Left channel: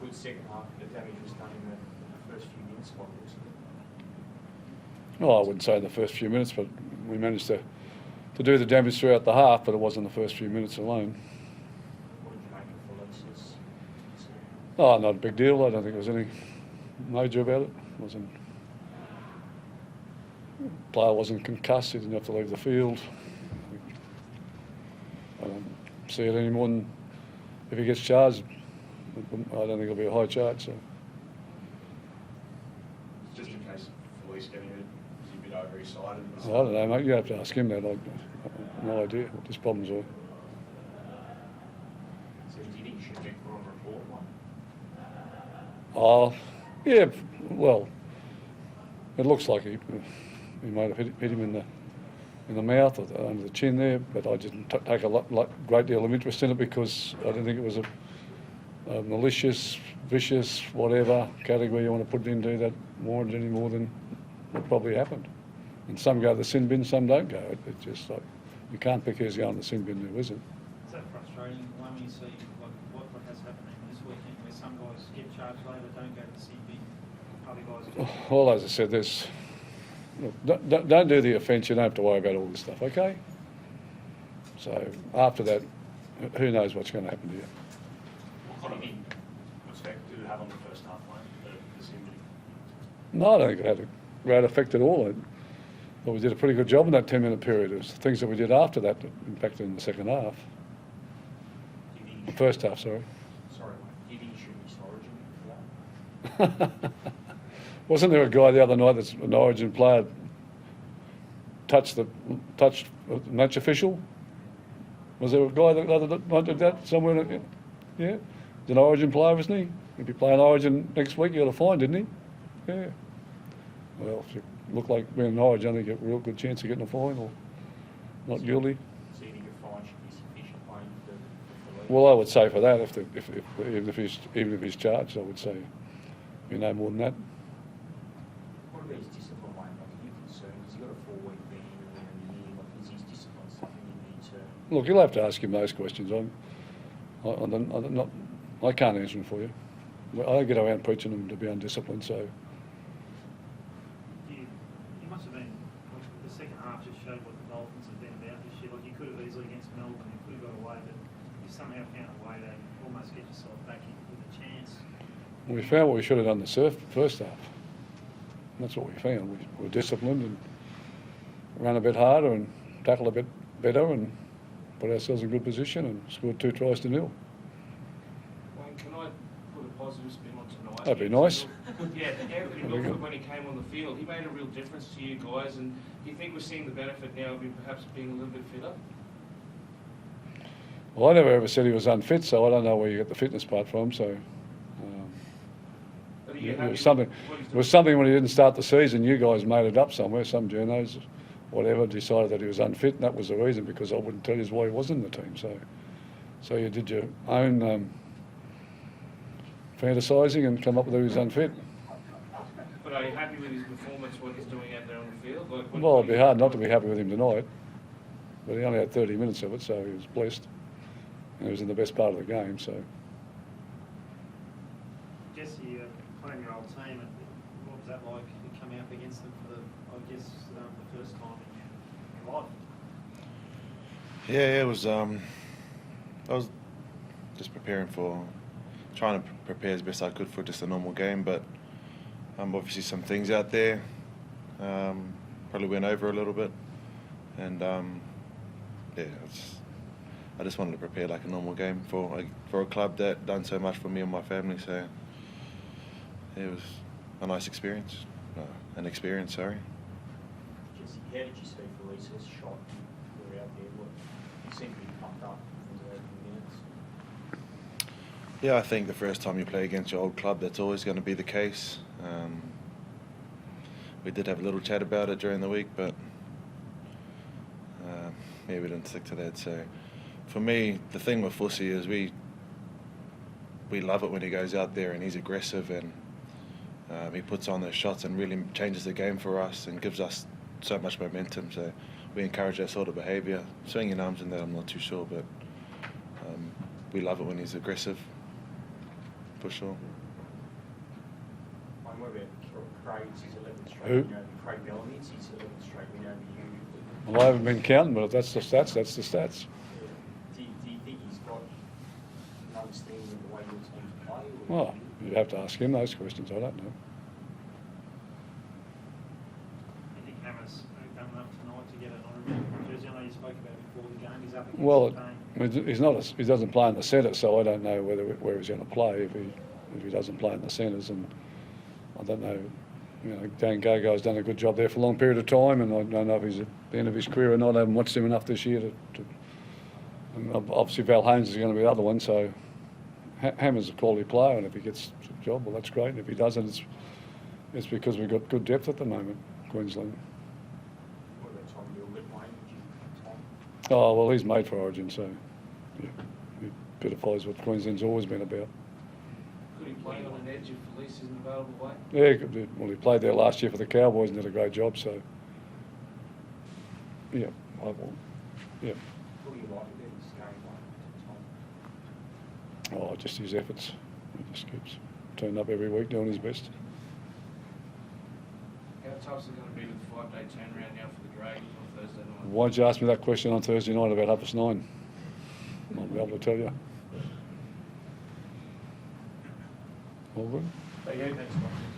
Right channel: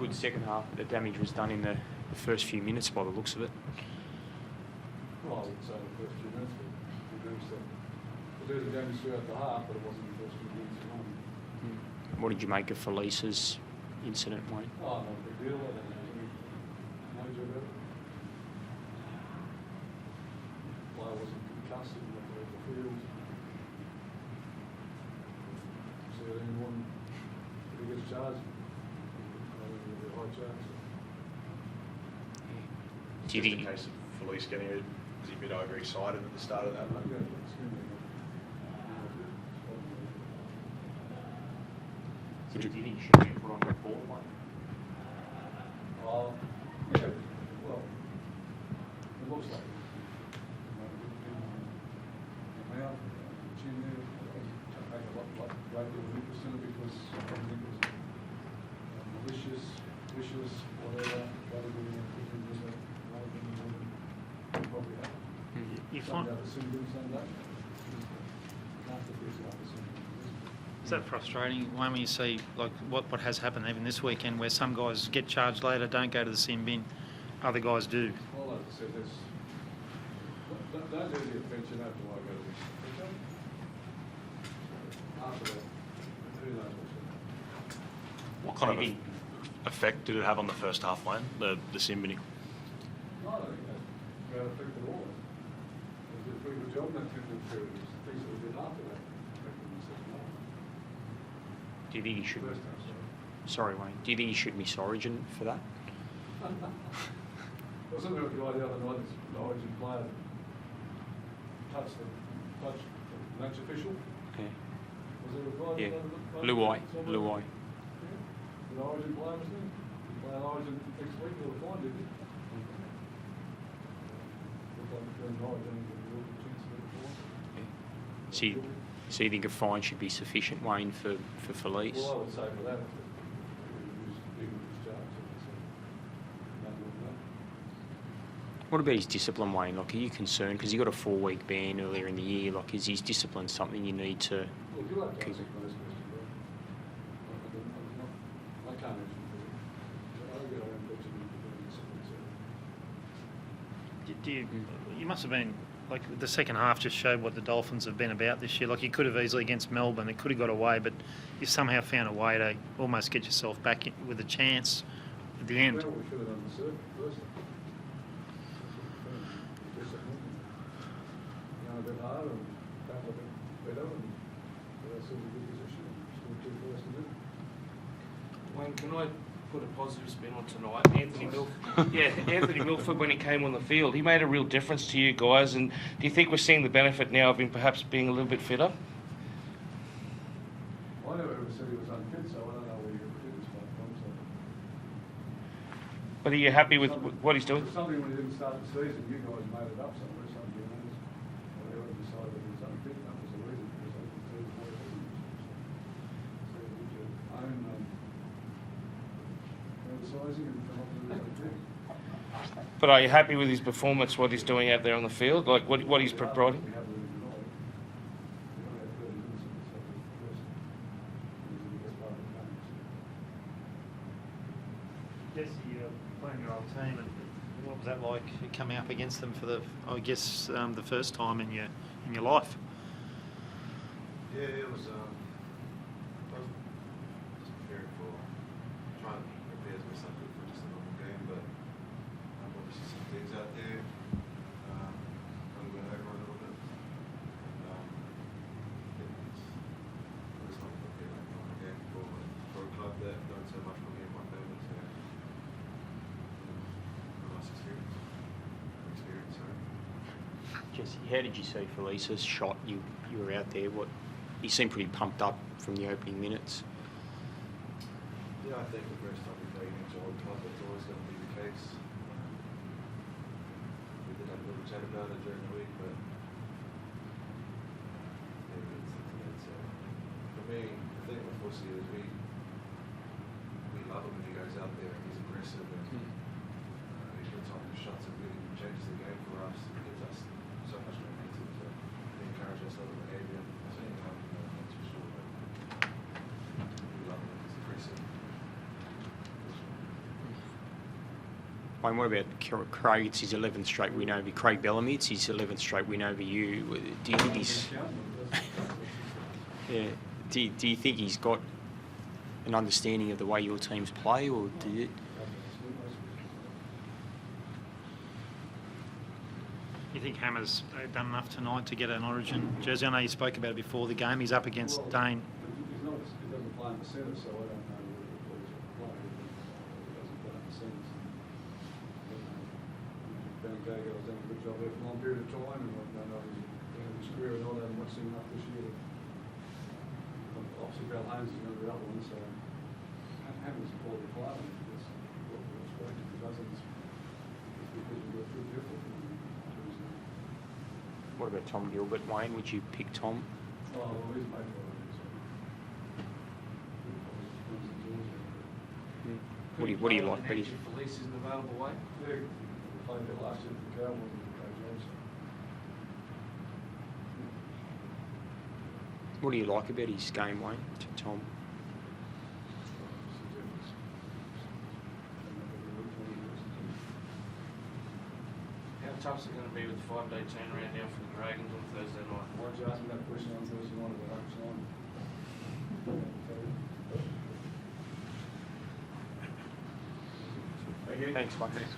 good second half, but the damage was done in the first few minutes by the looks of it. Well, I wouldn't say the first few minutes, but we managed to do the damage throughout the half, but it wasn't the first few minutes alone. What did you make of Felice's incident, Wayne? Oh, not a big deal. I don't think there was any major about it. The player wasn't concussed. He didn't have to leave the field. I don't see it any more than if he gets charged. I don't think it'll be a high charge. So. Do you think the case of Felice getting a bit overexcited? I don't know, mate. You have to ask him that. I've no idea what his problems are. So do you think he should be put on report, one? Oh, yeah. Well, it looks like he might have hit him in the mouth or under the chin there, but I didn't take a great deal of interest in it because I didn't think it was a malicious, vicious, whatever category you want to put it into that warranted any more than what probably happened. And some go to the sin bin, some don't go. It's just like you can't pick who's going to the sin bin there, is it? Is that frustrating, Wayne, when you see like what has happened even this weekend, where some guys get charged later, don't go to the sin bin, other guys do? Well, as I said, there's don't do the offence. You don't have to worry about all this stuff, okay? So after that, who knows what's going to happen to you? What kind of effect did it have on the first half, Wayne? The sin binning? No, I don't think it had a great effect at all. But we did a pretty good job in that 10-minute period. It was the things that we did after that that impacted in the second half. Do you think he should? First half, sorry. Sorry, Wayne. Do you think he should miss Origin for that? Wasn't there a guy the other night that's an Origin player touched a match official? Yeah. Was there a guy that did that somewhere? Yeah, he's an Origin player, isn't he? If you play an Origin next week, you got a fine, didn't he? Yeah. Well, if you look like being an Origin, you get a real good chance of getting a fine or not guilty. So you think a fine should be sufficient, Wayne, for Felice? Well, I would say for that, even if he's charged, I would say no more than that. What about his discipline, Wayne? Like, are you concerned? Because he got a 4-week ban earlier in the year. Like, is his discipline something you need to... Look, you'll have to ask him those questions. I can't answer them for you. I don't get around preaching them to be undisciplined, so... You must have been, like, the second half just showed what the Dolphins have been about this year. Like, you could have easily against Melbourne, it could have got away, but you somehow found a way to almost get yourself back in with a chance at the end. We found what we should have done the first half. That's what we found. We were disciplined and ran a bit harder and tackled a bit better and put ourselves in good position and scored 2 tries to 0. Wayne, can I put a positive spin on tonight? That'd be nice. Yeah, Anthony Milford, when he came on the field, he made a real difference to you guys. And do you think we're seeing the benefit now of him perhaps being a little bit fitter? Well, I never ever said he was unfit, so I don't know where you get the fitness part from. So. But are you happy with what he's doing? It was something when he didn't start the season, you guys made it up somewhere, some journos, whatever, decided that he was unfit, and that was the reason, because I wouldn't tell you why he wasn't in the team. So you did your own fantasising and come up with who was unfit. But are you happy with his performance, what he's doing out there on the field? Like what it'd he's be hard not to be happy with him tonight, but he only had 30 minutes of it, so he was blessed. And he was in the best part of the game, so... Jesse, playing your old team, and what was that like coming up against them for the first time in your life? Yeah, it was. I was just trying to prepare as best I could for just a normal game, but obviously some things out there probably went over a little bit, and I just wanted to prepare like a normal game for a club that done so much for me and my family. So it was a nice experience, sorry. Jesse, how did you see Felice's shot? You were out there. He seemed pretty pumped up from the opening minutes. Yeah, I think the first time you play against your old club, that's always going to be the case. We did have a little chat about it during the week, but we didn't stick to that. So for me, the thing with Fussy is we love it when he goes out there and he's aggressive and he puts on those shots and really changes the game for us and gives us so much momentum. So we encourage that sort of behaviour. Swinging arms and that, I'm not too sure, but we love it when he's aggressive. for sure. Wayne, what about Craig? It's his 11th straight Who? win over Craig Bellamy. It's his 11th straight win over you. Do you I think haven't been he's- counting, but if that's the stats, that's the stats. Yeah. Do you think he's got an understanding of the way your teams play, or Well, do you, you'd have to ask him those questions. I don't know. You think Hammer's done enough tonight to get an Origin jersey? I know you spoke about it before the game. He's up against Well, Dane. he's not. He doesn't play in the centre, so I don't know where he's going to play if he doesn't play in the centres. And I don't know. You know, Dan Gago's done a good job there for a long period of time, and I don't know if he's at the end of his career or not. I haven't watched him enough this year and obviously Val Holmes is going to be the other one. So Hammer's a quality player, and if he gets a job, well, that's great. And if he doesn't, it's because we've got good depth at the moment, Queensland. what about Tom Gilbert, Wayne? Would you pick Tom? Oh, well, he's made for Origin, so yeah, he better follows what Queensland's always been about. What do you like, Betty? Felice isn't available, Wayne? Yeah, well, he played there last year for the Cowboys and did a great job, so yeah, yeah. What do you like about his game, Wayne, to Tom? Oh, just his efforts. He just keeps turning up every week doing his best. How tough is it going to be with the 5-day turnaround now for the Dragons on Thursday night? Why don't you ask me that question on Thursday night about 9:30? I'll be able to tell you. All good? Thanks, Wayne.